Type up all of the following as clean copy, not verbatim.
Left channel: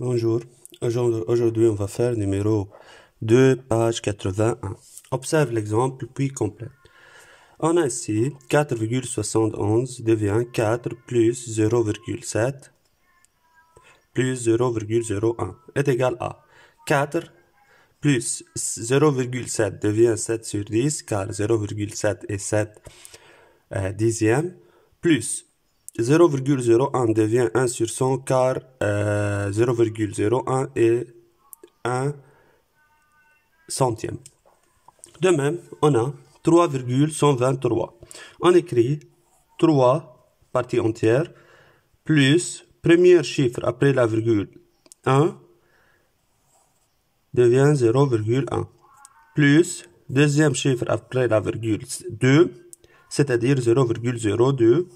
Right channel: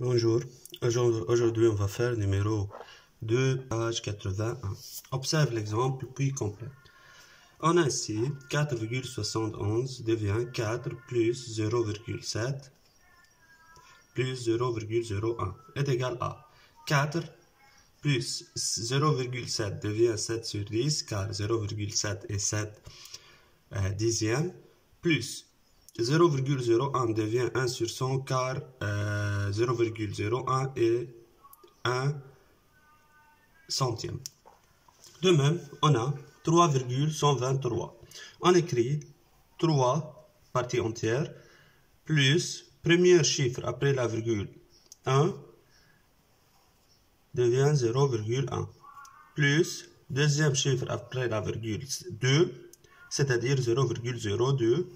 Bonjour, aujourd'hui on va faire numéro 2, page 81. Observe l'exemple puis complète. On a ici 4,71 devient 4 plus 0,7 plus 0,01 est égal à 4 plus 0,7 devient 7 sur 10 car 0,7 est 7 dixièmes plus 0,01 devient 1 sur 100 car 0,01 est 1 centième. De même, on a 3,123. On écrit 3 parties entières plus premier chiffre après la virgule 1 devient 0,1 plus deuxième chiffre après la virgule 2 c'est-à-dire 0,02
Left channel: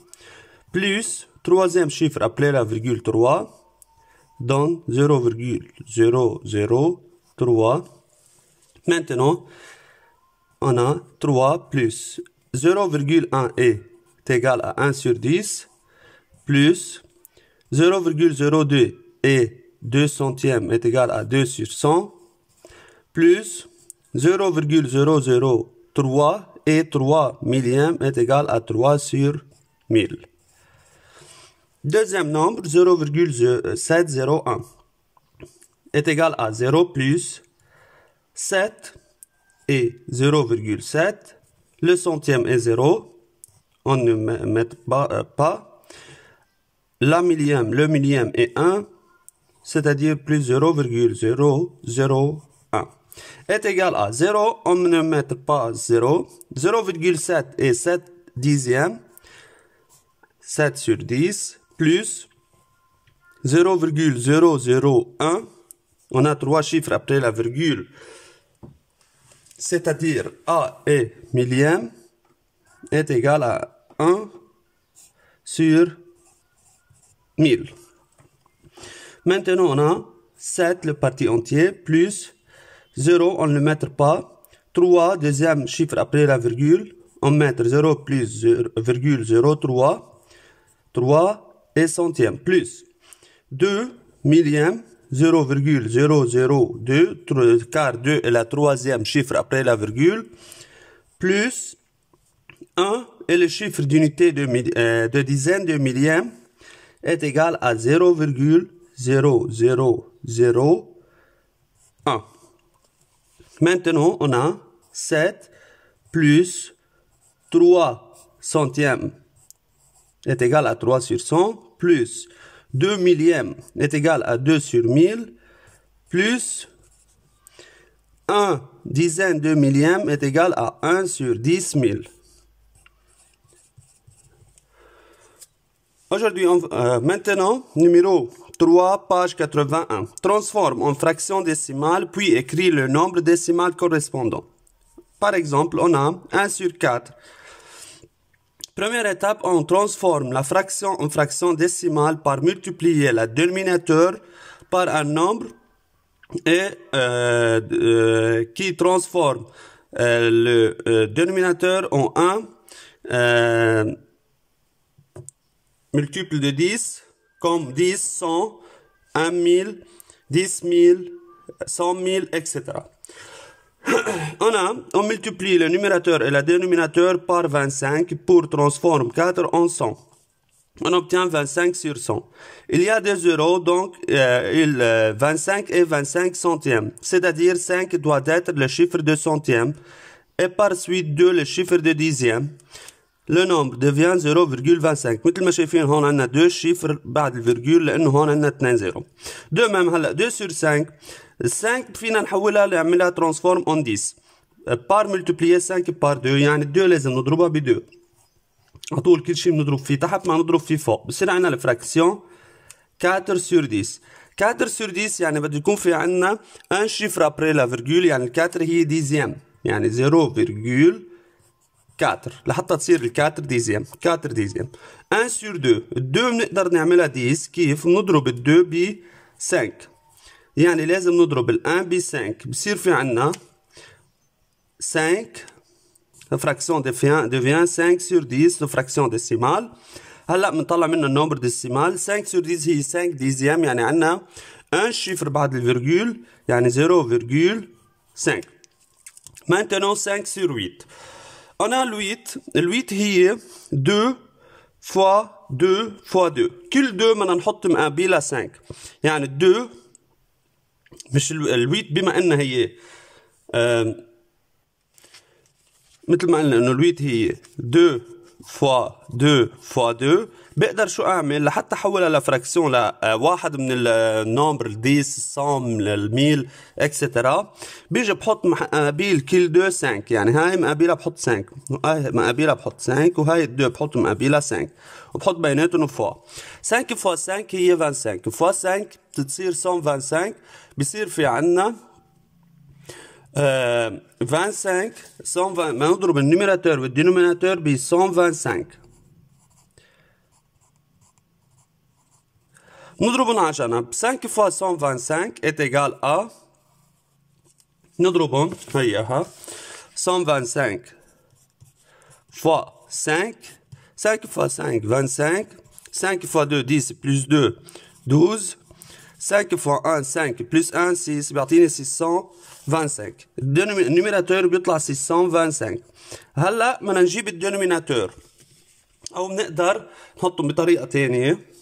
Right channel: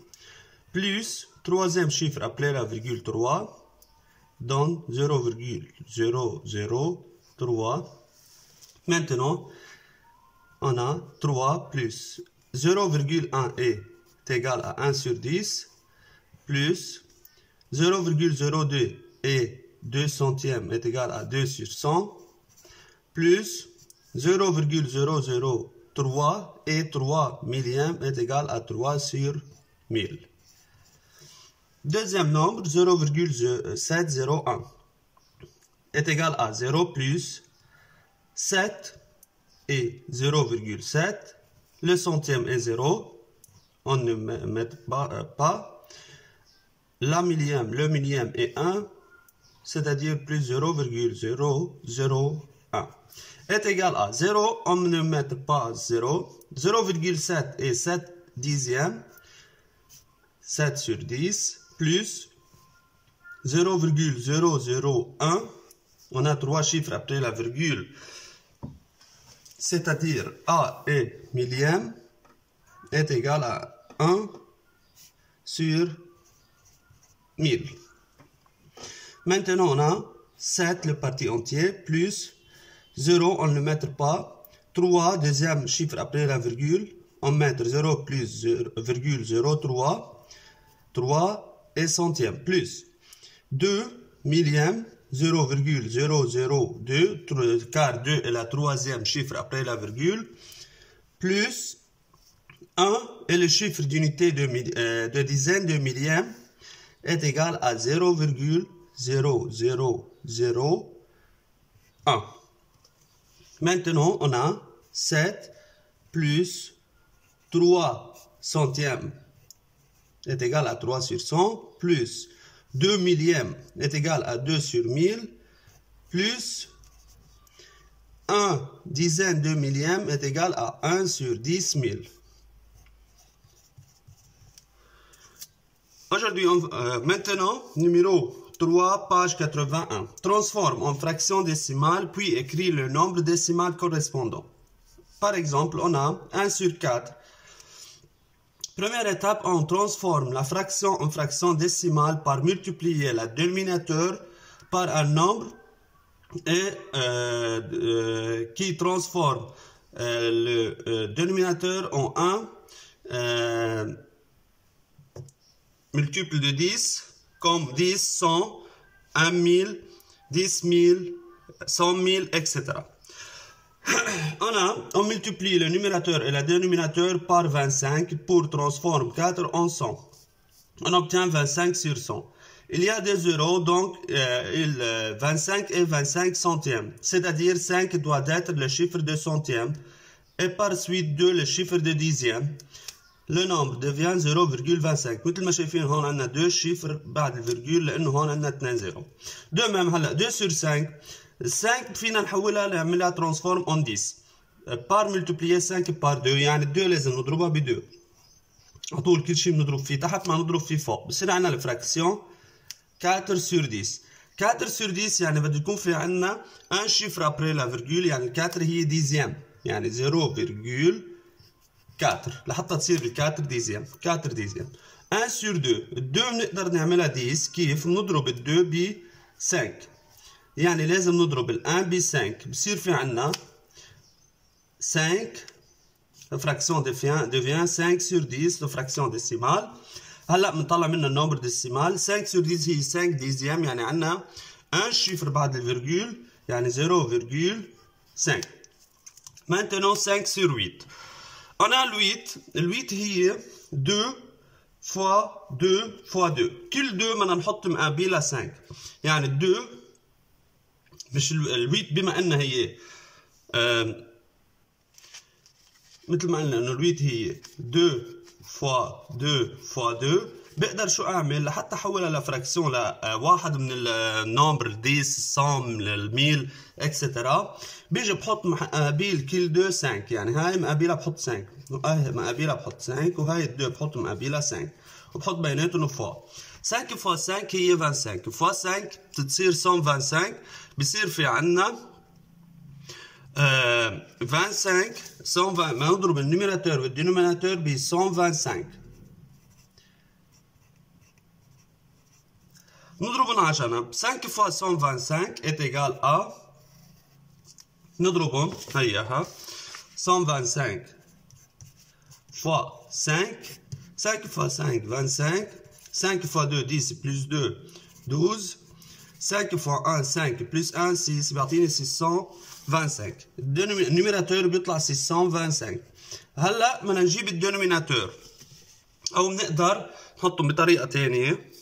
plus troisième chiffre après la virgule 3 donne 0,003. Maintenant, on a 3 plus 0,1 est égal à 1 sur 10 plus 0,02 et 2 centièmes est égal à 2 sur 100 plus 0,003 et 3 millièmes est égal à 3 sur 1000. Deuxième nombre, 0,701 est égal à 0 plus 7 et 0,7. Le centième est 0. On ne met pas. Le millième est 1, c'est-à-dire plus 0,001 est égal à 0. On ne met pas 0. 0,7 est 7 dixièmes. 7 sur 10 plus 0,001. On a 3 chiffres après la virgule, c'est-à-dire A et millième est égal à 1 sur 1000. Maintenant, on a 7 le parti entier plus 0, on ne le met pas. 3, deuxième chiffre après la virgule, on met 0 plus 0,03. 3 et centième plus 2 millième 0,002 car 2 est la troisième chiffre après la virgule plus 1 et le chiffre d'unité de dizaine de millième est égal à 0,0001. Maintenant on a 7 plus 3 centièmes est égal à 3 sur 100 plus 2 millièmes est égal à 2 sur 1000 plus 1 dizaine de millième est égal à 1 sur 10 000. Aujourd'hui, maintenant, numéro 3, page 81. Transforme en fraction décimale puis écris le nombre décimal correspondant. Par exemple, on a 1 sur 4. Première étape, on transforme la fraction en fraction décimale par multiplier le dénominateur par un nombre et qui transforme le dénominateur en 1 multiple de 10 comme 10, 100, 1000, 10 000, 100 000, etc. On multiplie le numérateur et le dénominateur par 25 pour transformer 4 en 100. On obtient 25 sur 100. Il y a des zéros, donc 25 et 25 centièmes. C'est-à-dire 5 doit être le chiffre de centième et par suite 2 le chiffre de dixième. Le nombre devient 0,25. مثل ما شايفين هون عندنا 2 chiffres بعد الفيرجول لأنه هون عندنا 2 زيرو. De même هلا 2 sur 5. 5 فينا نحولها نعملها ترانسفورم اون 10 بار ملتبليي 5 بار 2 يعني 2 لازم نضربها ب 2 على طول كل شيء بنضرب فيه تحت ما نضرب فيه فوق بصير عندنا الفراكسيون 4 sur 10 4 sur 10 يعني بده يكون في عندنا ان شيفر ابري لا فيرجول يعني ال 4 هي ديزيام يعني 0,4 لحتى تصير ال 4 ديزيام 4 ديزيام 1 sur 2 2 بنقدر نعملها 10 كيف نضرب ال 2 ب 5 يعني لازم نضرب ال 1 ب 5 بصير في عنا 5 la fraction devient 5 sur 10 la fraction décimale هلا بنطلع منها النمبر ديسيمال 5 sur 10 هي 5 ديزيام يعني عندنا un chiffre بعد الفيرجول يعني 0,5. Maintenant 5 sur 8. On a le 8. Le 8 هي 2 fois 2 fois 2. كل 2 بدنا نحط مقابلها 5. يعني 2 مش ال 8 بما انها هي مثل ما قلنا انه ال 8 هي 2 fois 2 fois 2. بقدر شو اعمل لحتى احولها لفراكسيون لواحد من النمبر 10 100 1000 اكسترا. بيجي بحط مقابل كل 2 5. يعني هاي مقابلها بحط 5 وهاي مقابلها بحط 5 وهاي 2 بحط مقابلها 5 وبحط بيناتهم فوا. 5 فوا 5 هي 25 فوا 5 بتصير 125. بصير في عنا 25 120. ما نضرب النيميراتور والدينوميناتور ب 125. نضربهم على جنب. 5 fois 125 est égal à نضربهم هيها 125 fois 5. 5 fois 5 25. 5 fois 2 10 plus 2 12. 5 fois 1 5 plus 1 6 بيعطيني 625. النيميراتور بيطلع 625. هلا بدنا نجيب الدينوميناتور او بنقدر نحطهم بطريقه ثانيه.